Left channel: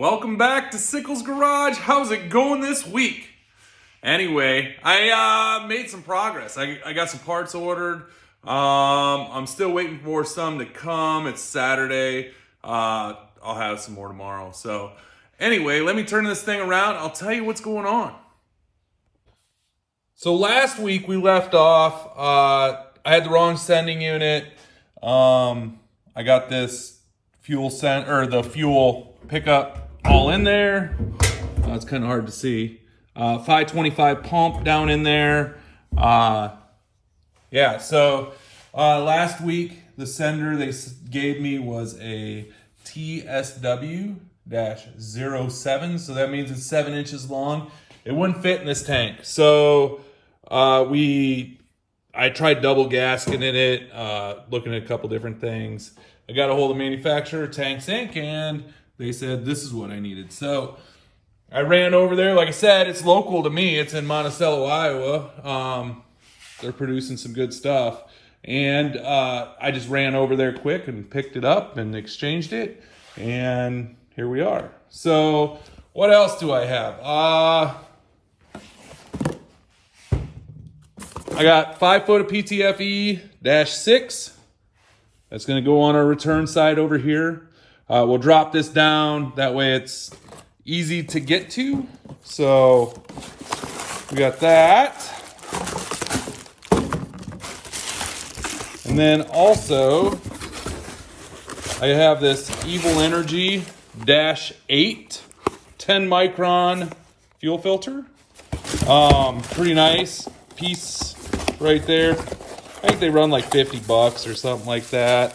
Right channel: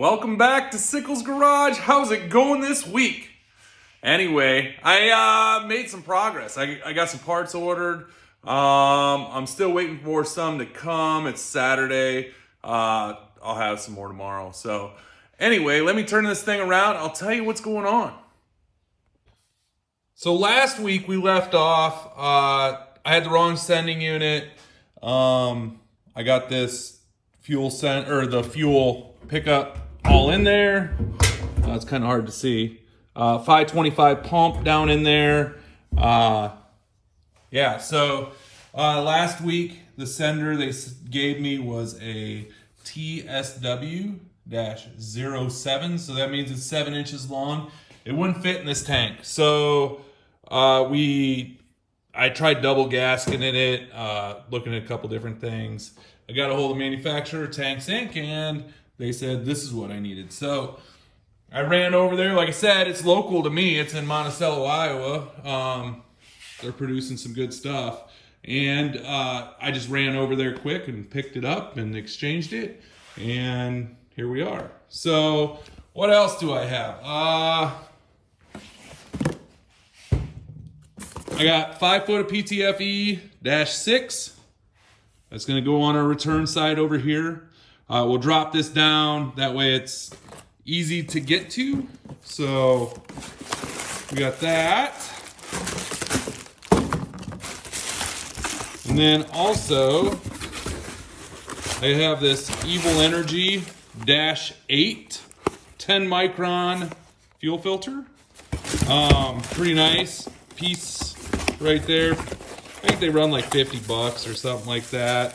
Welcome back to Sickles Garage. How's it going this week? Anyway, I made some progress. I got some parts ordered. I'm still waiting for some to come. It's Saturday. I'll have some more tomorrow. So anyway, let me turn this thing around. I'll tell you what's going on. So last week we left off. I had the wrong sending unit. I got this the fuel pickup all in there. It's kind of hard to see. 525 pump down in there. So last week the sender they gave me was a TSW-07, so that means it's 7 inches long. It wouldn't fit in this tank, so I tried double gasketing in it, looking at a couple different things. I got a hold of the manufacturer, Tanks Inc., and they said this is what I needed. So I ran over there. Like I said, it's local to me. It's in Monticello, Iowa. They're producing some good stuff. And I just ran over there quick and picked it up and exchanged it. And here we are. So what else do I have? I got 5 foot of PTFE-6. That's going to go on our return side over here. We'll drop this down. That way it's easy to get to. So we got that. And then also I have this Evil Energy -8 10 micron fuel filter. Pretty nice piece right there. I think they run like $50 or something like that.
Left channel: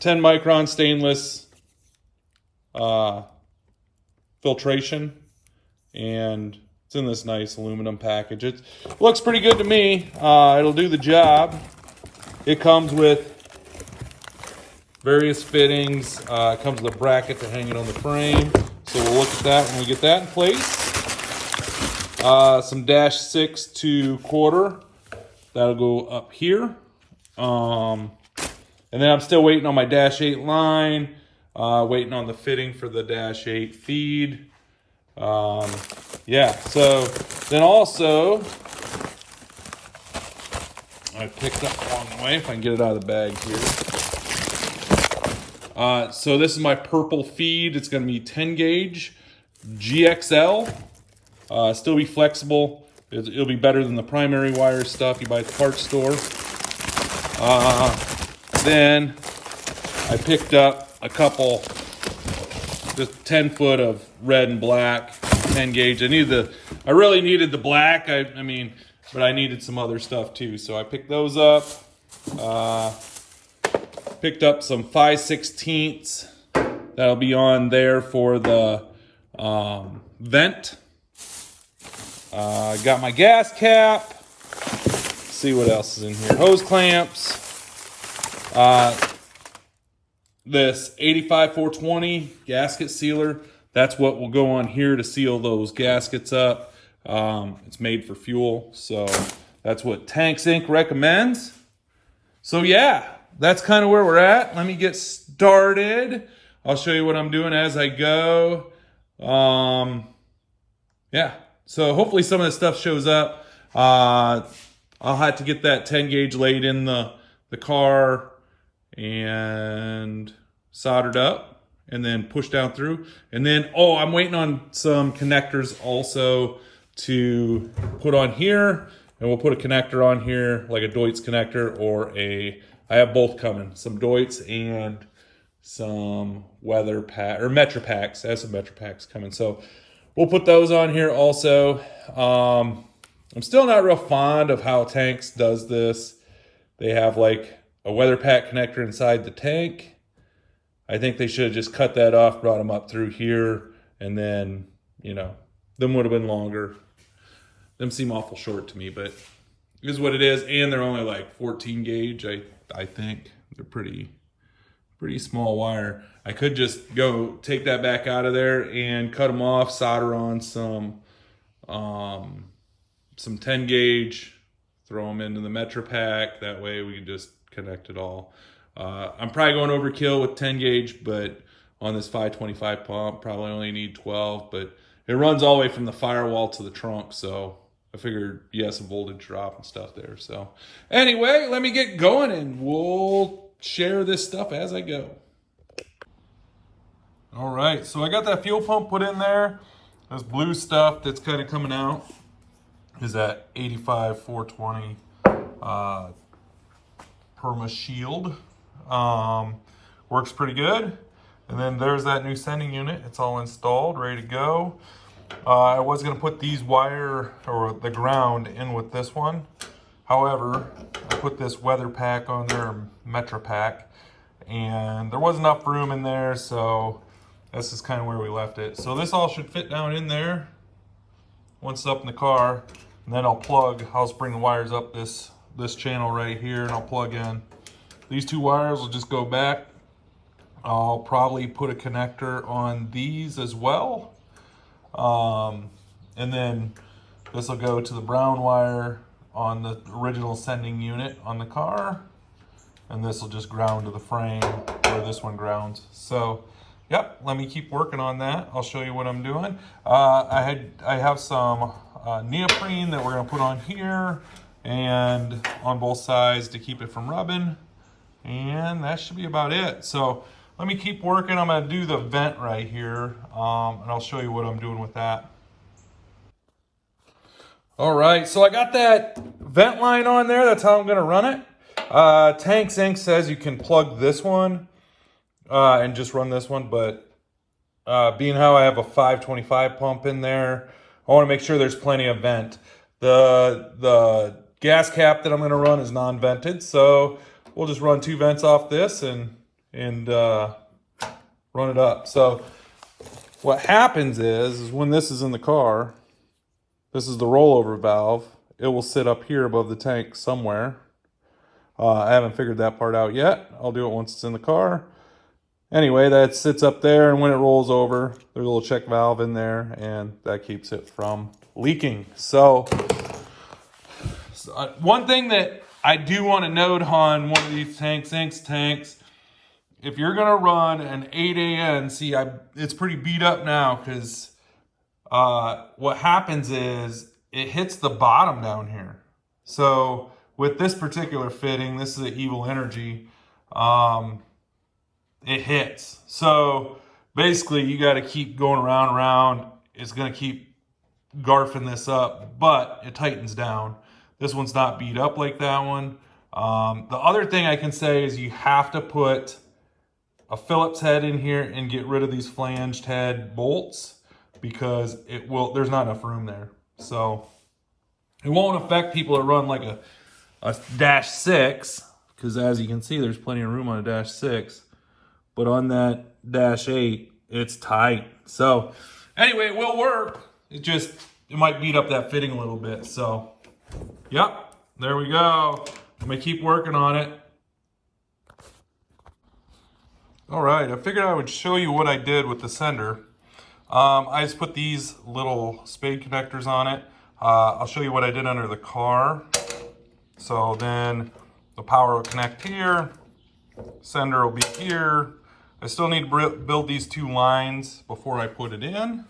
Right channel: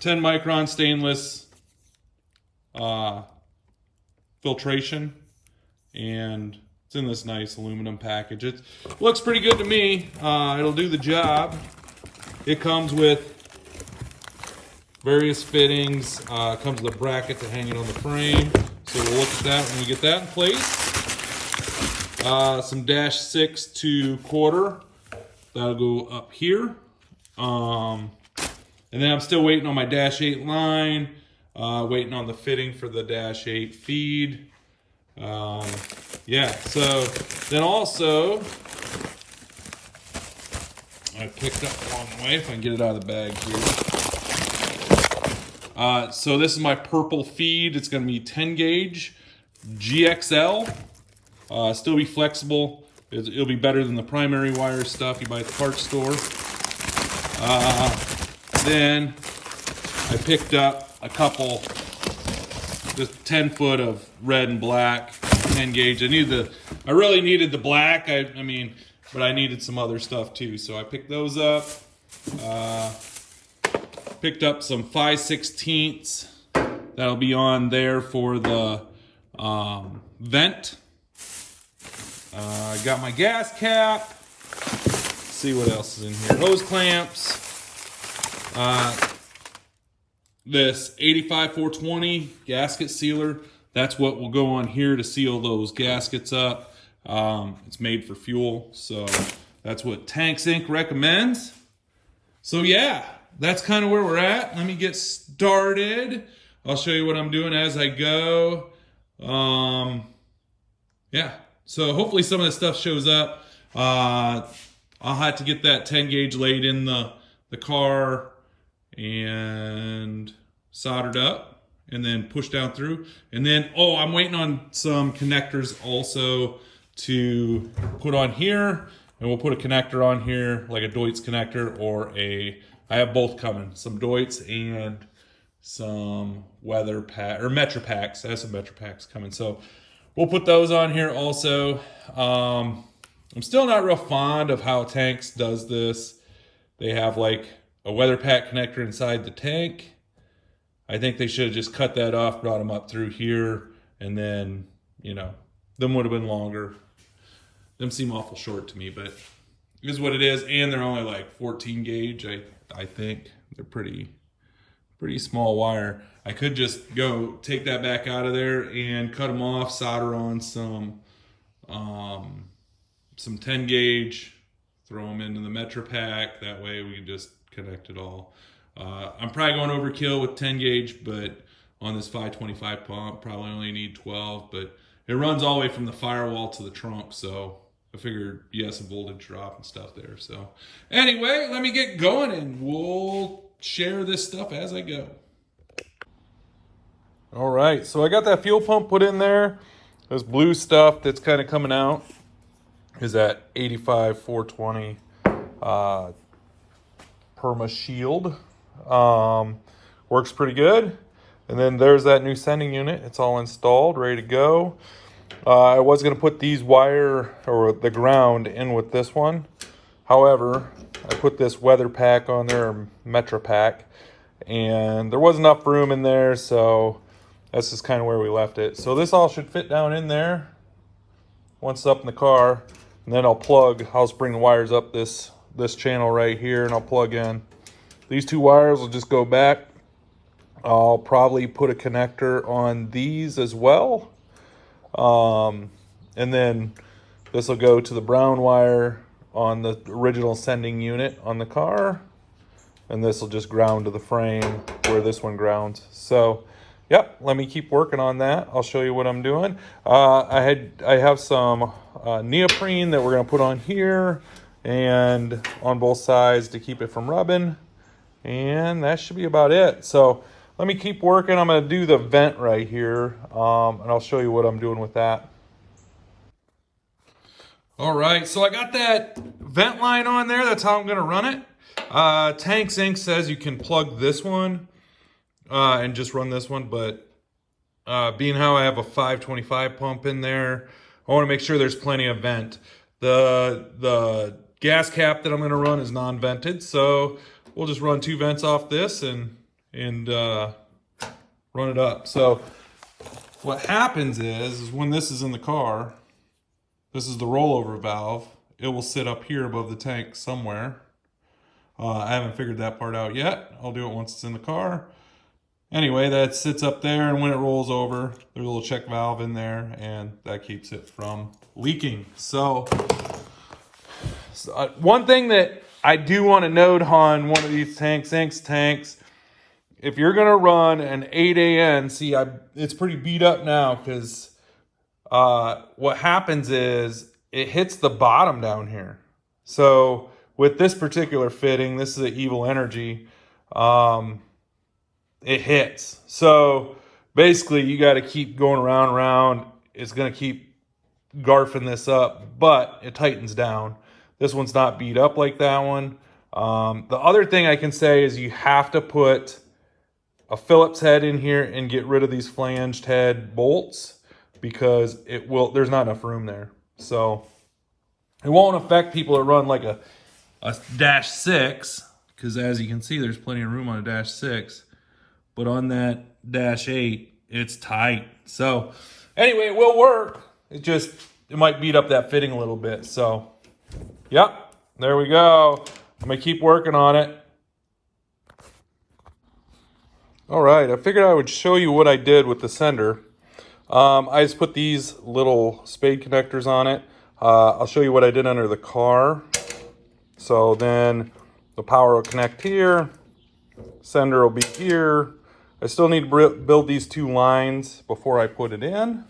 10 micron stainless filtration, and it's in this nice aluminum package. It looks pretty good to me. It'll do the job. It comes with various fittings. It comes with a bracket to hang it on the frame. So we'll look at that when we get that in place. Some -6 to quarter. That'll go up here. And then I'm still waiting on my -8 line. Waiting on the fitting for the -8 feed. So then also I picked up along the way, if I can get it out of the bag here. So this is my purple feed. It's going to be 10 gauge GXL. Still be flexible. It'll be better than the primary wire stuff you buy at the parts store. Then I picked up a couple, just 10 foot of red and black 10 gauge. I really needed the black. I mean, but I needed some other stuff too. So I picked those up. Picked up some 5/16. That'll be on there for the vent. I got my gas cap. Let's see what else is in here. Hose clamps. This 85-420 gasket sealer. That's what will go on here to seal those gaskets up. It's made for fuel, so that's what Tanks Inc. recommends. So yeah, that's kind of where we're at. Let me get started. I'll show you what I'm doing as I go. So hopefully some of this stuff shows up. I'll have to get that 10 gauge laid in the car and soldered up and then pushed down through. And then, I'm waiting on some connectors also to put on here. And we'll put a connector on here, like a Deutz connector or I have both coming. Some Deutz and some weather pack or Metro packs. I have some Metro packs coming. So we'll put those on here also. I'm still not real fond of how Tanks does this. They have like a weather pack connector inside the tank. I think they should have just cut that off, brought them up through here, and then, them would have been longer. Them seem awful short to me, but it is what it is. And they're only like 14 gauge, I think. They're pretty small wire. I could just go take that back out of there and cut them off, solder on some 10 gauge, throw them into the Metro pack. That way we can just connect it all. I'm probably going overkill with 10 gauge, but on this 525 pump. Probably only need 12, but it runs all the way from the firewall to the trunk, so I figured, yeah, some voltage drop and stuff there. So anyway, let me get going and we'll share this stuff as I go. All right, so I got that fuel pump put in there. This blue stuff that's kind of coming out is that 85 420 Perma Shield. Works pretty good. And then there's that new sending unit. It's all installed, ready to go. I was going to put these wire or the ground in with this one. However, I put this weather pack on there, or Metro pack, and there wasn't enough room in there, so that's just kind of where we left it. So this all should fit down in there once it's up in the car, and then I'll just bring the wires up this channel right here, and I'll plug in. These two wires will just go back. I'll probably put a connector on these as well. And then this will go to the brown wire on the original sending unit on the car. And this will just ground to the frame where this one grounds. So, yep, let me keep working on that. I'll show you what I'm doing. I have some neoprene that we're gonna put on here and on both sides to keep it from rubbing. And that should be about it. So let me keep working. I'm gonna do the vent right here, and I'll show you what I'm doing with that. All right, so I got that vent line on there. That's how I'm gonna run it. Tanks Inc. says you can plug this one and just run this one, but being how I have a 525 pump in there, I wanna make sure there's plenty of vent. The gas cap that I'm gonna run is non-vented, so we'll just run 2 vents off this and run it up. So what happens is when this is in the car, this is the rollover valve. It will sit up here above the tank somewhere. I haven't figured that part out yet. I'll do it once it's in the car. Anyway, that sits up there, and when it rolls over, there's a little check valve in there, and that keeps it from leaking. So one thing that I do want to note on one of these Tanks Inc. tanks, if you're going to run an 8AN, see, it's pretty beat up now because what happens is it hits the bottom down here. So with this particular fitting, this is an Evil Energy, it hits. So basically you got to keep going around and around. It's going to keep garfing this up, but it tightens down. This one's not beat up like that one. The other thing I can say is you have to put a Phillips head in here and get rid of these flanged head bolts because there's not enough room there. So it won't affect people that run like a Dash 6, because as you can see, there's plenty of room on a Dash 6. But on that Dash 8, it's tight. So anyway, it will work. It might beat up that fitting a little bit. So, yep, there we go. I'm gonna keep working on it. All right, I figured I would show you what I did with the sender. I just put these little spade connectors on it. I'll show you what I did under the car. So then the power will connect here, sender will be here. I still need to build these 2 lines before I put it in.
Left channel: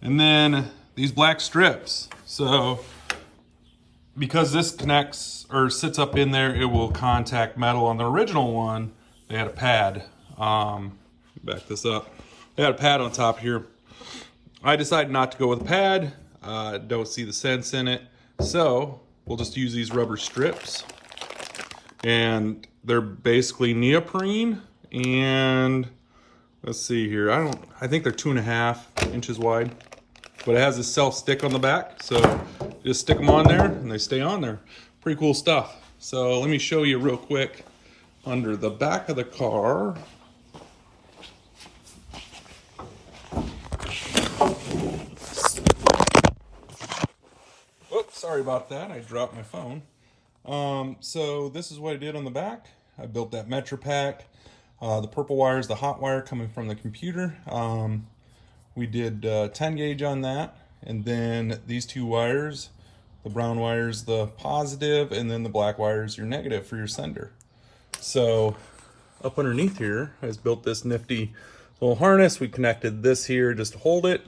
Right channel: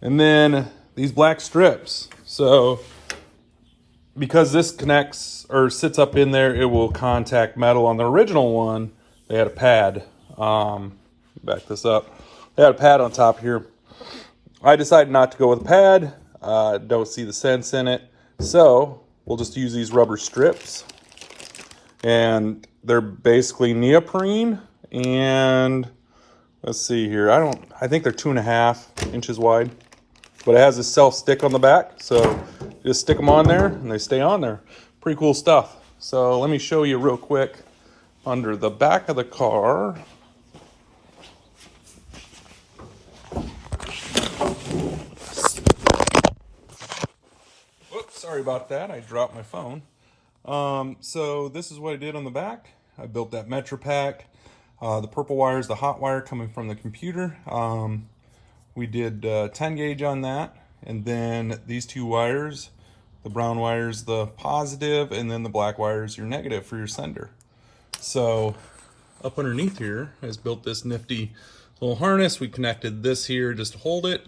And then these black strips. So because this connects or sits up in there, it will contact metal. On the original one, they had a pad. Back this up. They had a pad on top here. I decided not to go with a pad. Don't see the sense in it. So we'll just use these rubber strips. And they're basically neoprene. And let's see here. I think they're 2.5 inches wide. But it has a self-stick on the back. So just stick them on there and they stay on there. Pretty cool stuff. So let me show you real quick under the back of the car. Oops, sorry about that. I dropped my phone. So this is what I did on the back. I built that Metro pack. The purple wire is the hot wire coming from the computer. We did 10 gauge on that. And then these 2 wires, the brown wire is the positive, and then the black wire is your negative for your sender. So up underneath here, I just built this nifty little harness. We connected this here just to hold it.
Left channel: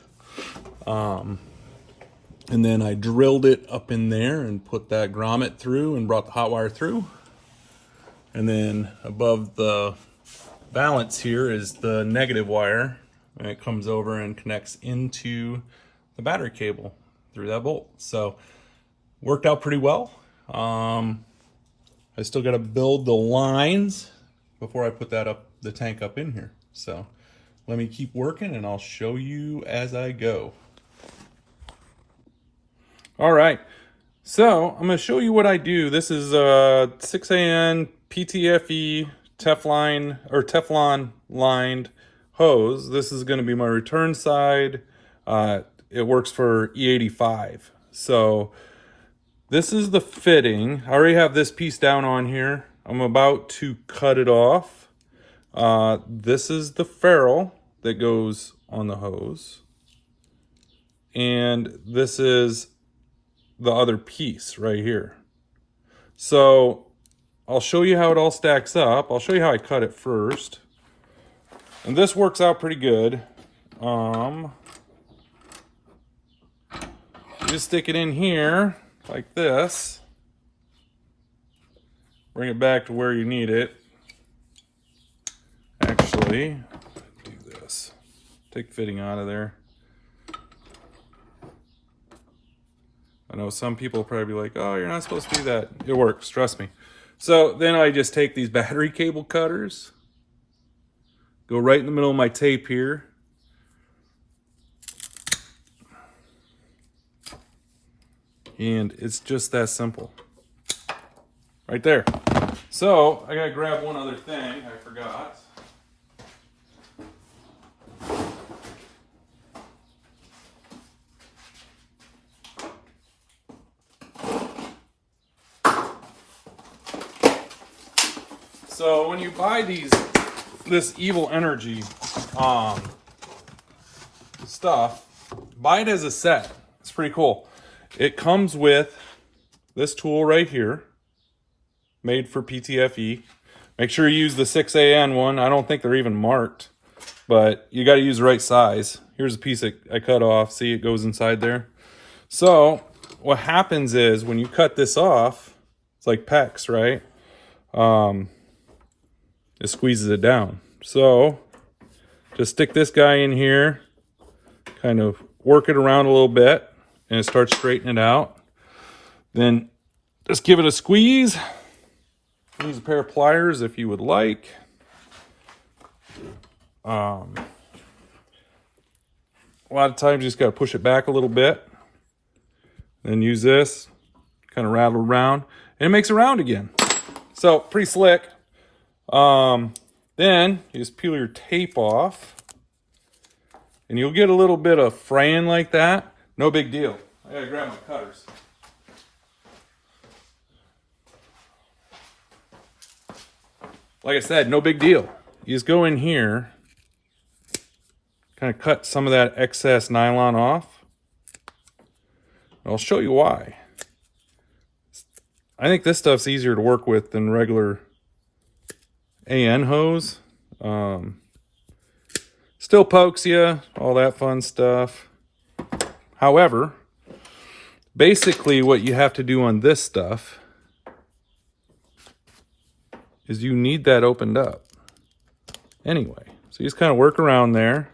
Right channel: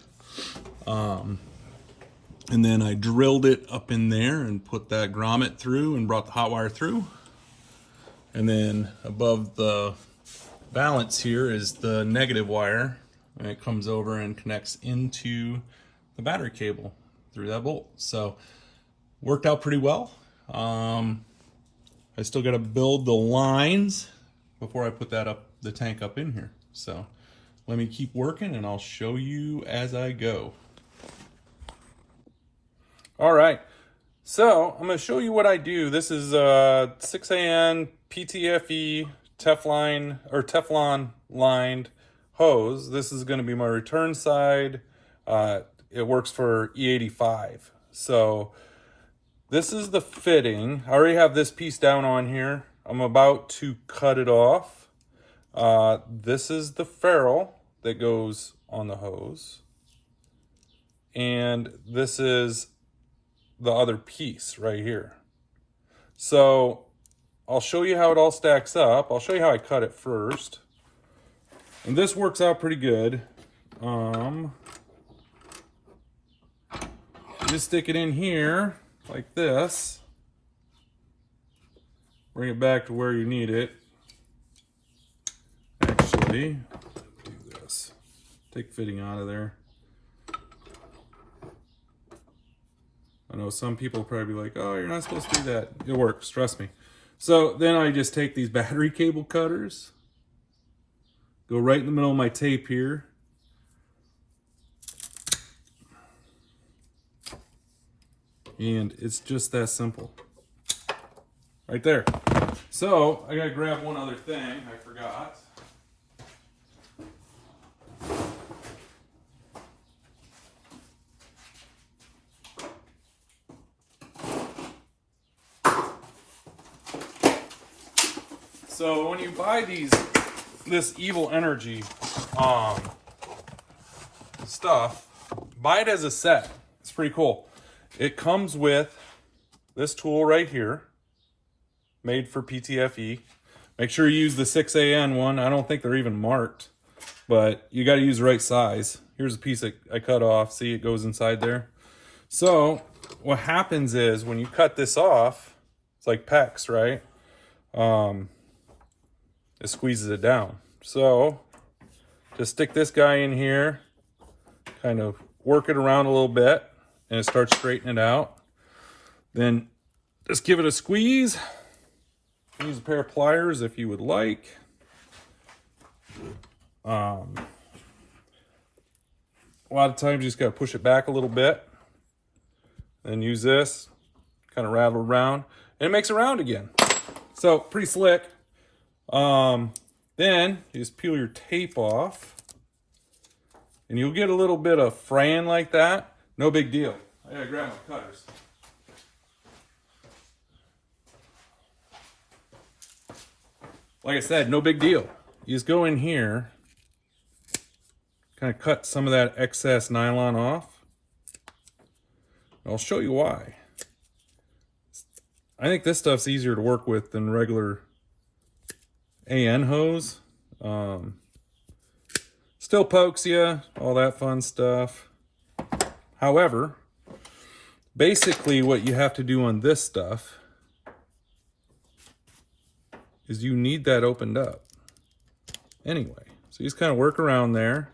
And then I drilled it up in there and put that grommet through and brought the hot wire through. And then above the valance here is the negative wire, and it comes over and connects into the battery cable through that bolt. So worked out pretty well. I still got to build the lines before I put the tank up in here. So let me keep working and I'll show you as I go. All right, so I'm going to show you what I do. This is a 6AN PTFE Teflon lined hose. This is going to be my return side. It works for E85. So this is the fitting. I already have this piece down on here. I'm about to cut it off. This is the ferrule that goes on the hose. And this is the other piece right here. So I'll show you how it all stacks up. I'll show you how I cut it first. And this works out pretty good. Just stick it in here like this. Bring it back to where you need it. Actually, do this. Take fitting out of there. I know some people probably be like, oh, you're not supposed to do that. It works, trust me. So then I just take these battery cable cutters, go right in the middle of my tape here. And it's just that simple. Right there. So I gotta grab one other thing, I forgot. So when you buy this Evil Energy stuff, buy it as a set. It's pretty cool. It comes with this tool right here, made for PTFE. Make sure you use the 6AN one. I don't think they're even marked, but you got to use the right size. Here's a piece that I cut off. See, it goes inside there. So what happens is when you cut this off, it's like PEX, right? It squeezes it down. So just stick this guy in here, kind of work it around a little bit, and it starts straightening it out. Then just give it a squeeze. Use a pair of pliers if you would like. A lot of times you just got to push it back a little bit. Then use this, kind of rattle around, and it makes it round again. So pretty slick. Then you just peel your tape off, and you'll get a little bit of fraying like that. No big deal. I gotta grab my cutters. Like I said, no big deal. You just go in here, kind of cut some of that excess nylon off. I'll show you why. I think this stuff's easier to work with than regular AN hose. Still pokes you, all that fun stuff. However, basically what you have to do on this stuff is you need that opened up. Anyway, so you just kind of work around there.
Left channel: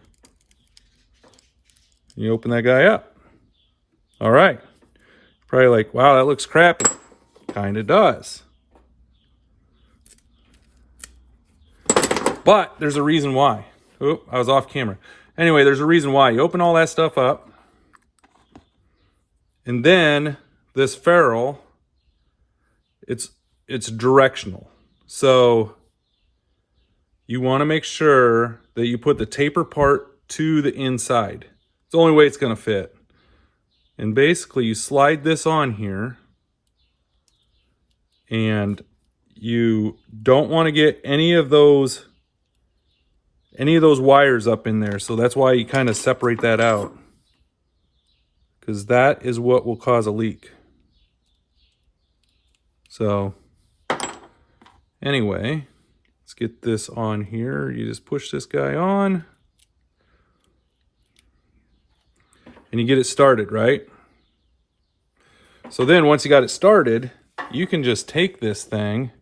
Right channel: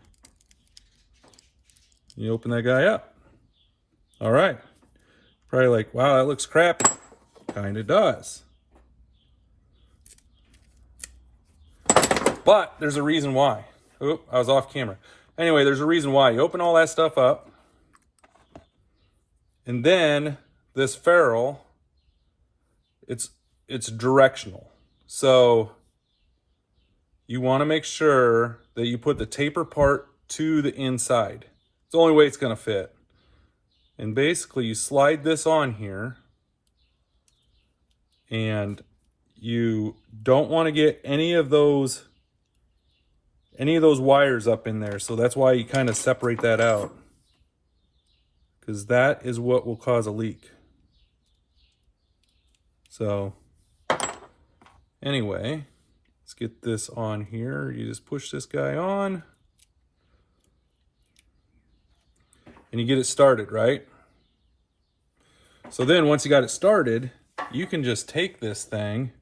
You open that guy up. All right. Probably like, wow, that looks crappy. Kind of does. But there's a reason why. Oh, I was off camera. Anyway, there's a reason why. You open all that stuff up. And then this ferrule, it's directional. So you want to make sure that you put the taper part to the inside. It's the only way it's going to fit. And basically you slide this on here, and you don't want to get any of those wires up in there. So that's why you kind of separate that out, because that is what will cause a leak. So anyway, Let's get this on here. You just push this guy on. And you get it started, right? So then once you got it started, you can just take this thing,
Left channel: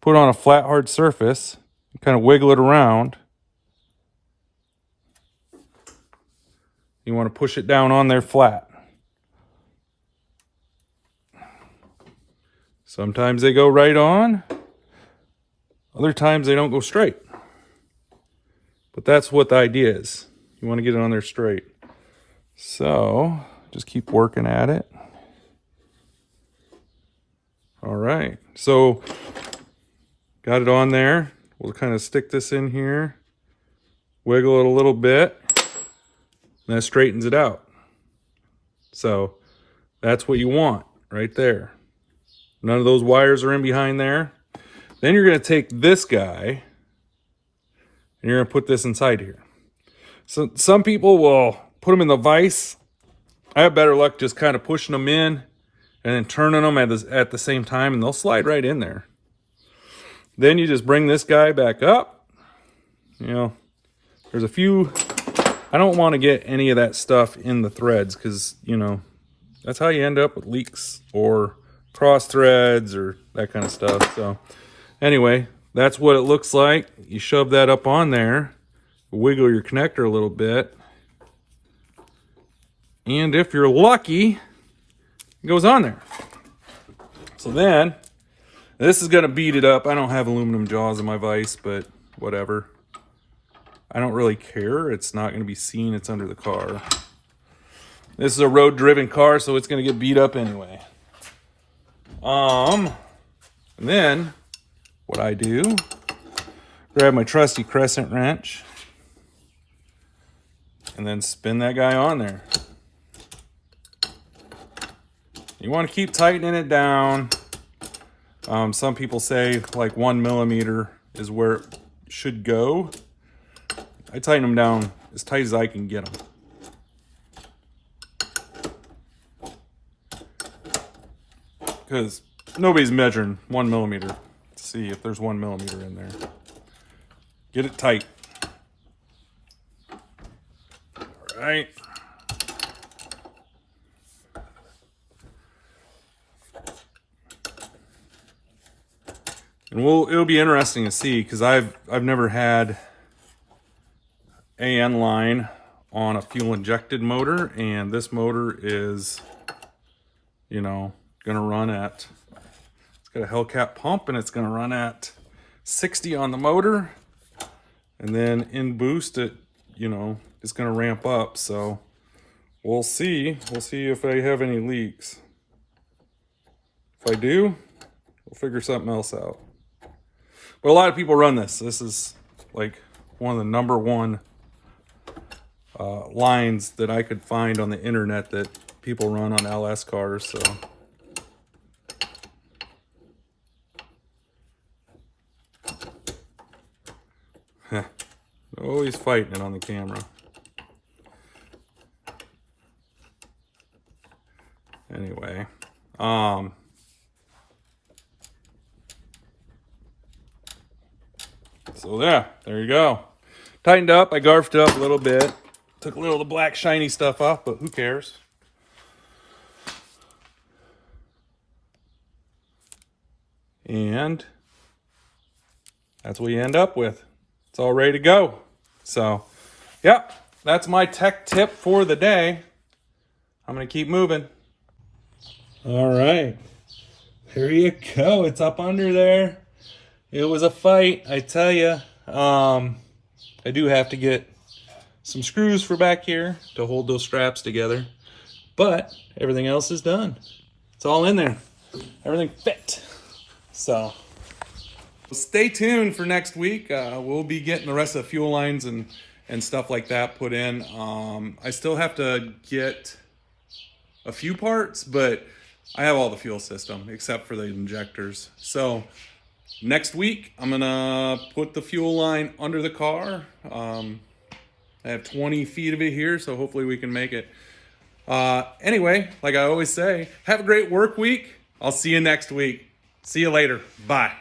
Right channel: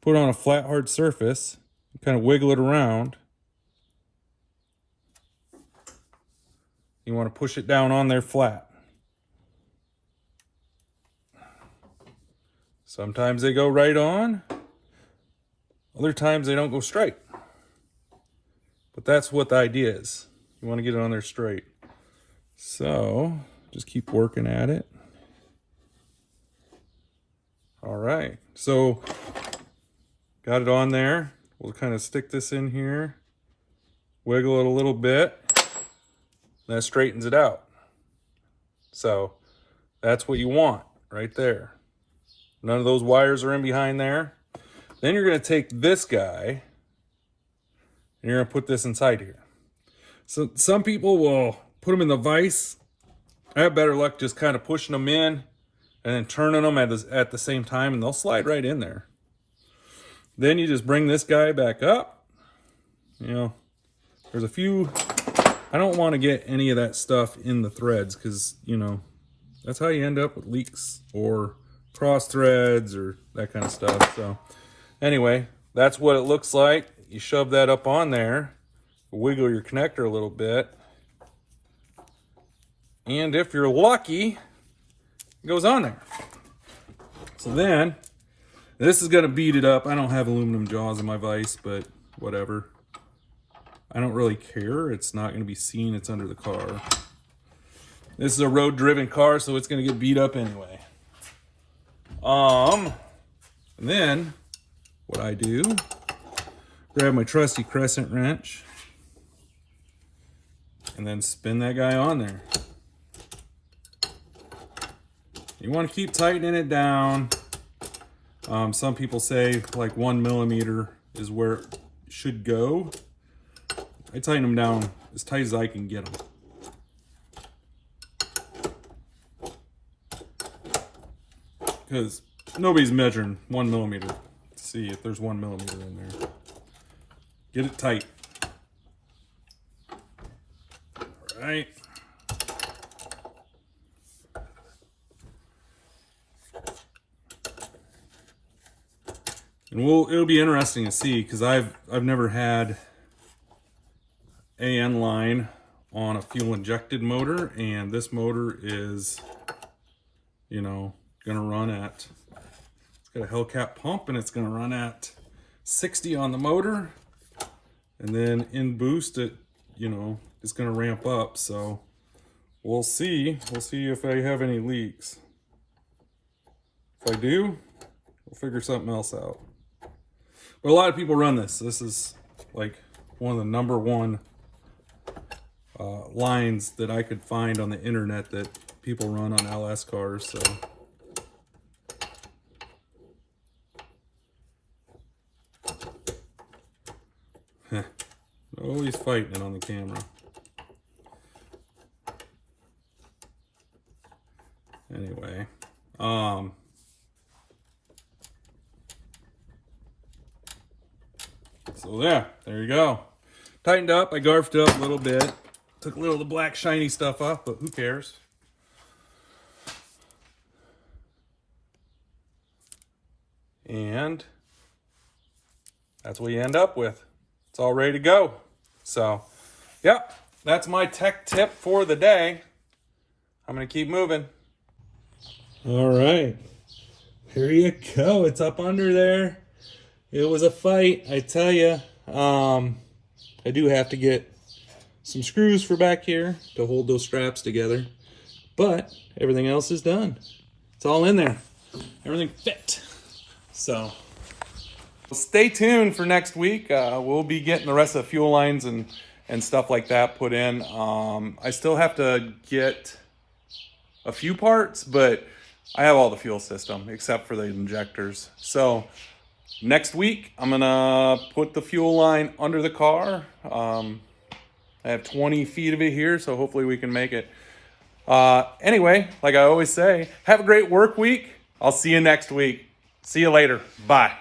put it on a flat, hard surface, kind of wiggle it around. You want to push it down on there flat. Sometimes they go right on. Other times they don't go straight. But that's what the idea is. You want to get it on there straight. So just keep working at it. All right. So got it on there. We'll kind of stick this in here. Wiggle it a little bit. And that straightens it out. So that's what you want right there. None of those wires are in behind there. Then you're going to take this guy and you're going to put this inside here. So some people will put them in the vise. I have better luck just kind of pushing them in and then turning them at the same time, and they'll slide right in there. Then you just bring this guy back up. You know, there's a few, I don't want to get any of that stuff in the threads because, you know, that's how you end up with leaks or cross threads or that kind of stuff. So anyway, that's what it looks like. You shove that up on there, wiggle your connector a little bit, and if you're lucky, it goes on there. So then, this is gonna beat it up. I don't have aluminum jaws in my vise, but whatever. I don't really care. It's not gonna be seen, it's under the car. This is a road-driven car, so it's gonna get beat up anyway. And then what I do, grab my trusty crescent wrench and then spin that guy on there. You want to keep tightening it down. Some people say like 1 millimeter is where it should go. I tighten them down as tight as I can get them. Because nobody's measuring 1 millimeter. Let's see if there's 1 millimeter in there. Get it tight. All right. And it'll be interesting to see because I've never had AN line on a fuel injected motor, and this motor is, you know, gonna run at, it's got a Hellcat pump and it's gonna run at 60 on the motor, and then in boost it, you know, it's gonna ramp up. So we'll see if I have any leaks. If I do, we'll figure something else out. But a lot of people run this. This is like one of the #1 lines that I could find on the internet that people run on LS cars. So always fighting it on the camera. Anyway, so there you go. Tightened up. I garfed it up a little bit. Took a little of the black shiny stuff off, but who cares? And that's what you end up with. It's all ready to go. So, yeah, that's my tech tip for the day. I'm going to keep moving. All right. There you go. It's up under there. It was a fight, I tell you. I do have to get some screws for back here to hold those straps together, but everything else is done. It's all in there. Everything fit. So stay tuned for next week. We'll be getting the rest of the fuel lines and stuff like that put in. I still have to get a few parts, but I have all the fuel system except for the injectors. So next week, I'm gonna put the fuel line under the car. I have 20 feet of it here, so hopefully we can make it. Anyway, like I always say, have a great work week. I'll see you next week. See you later. Bye.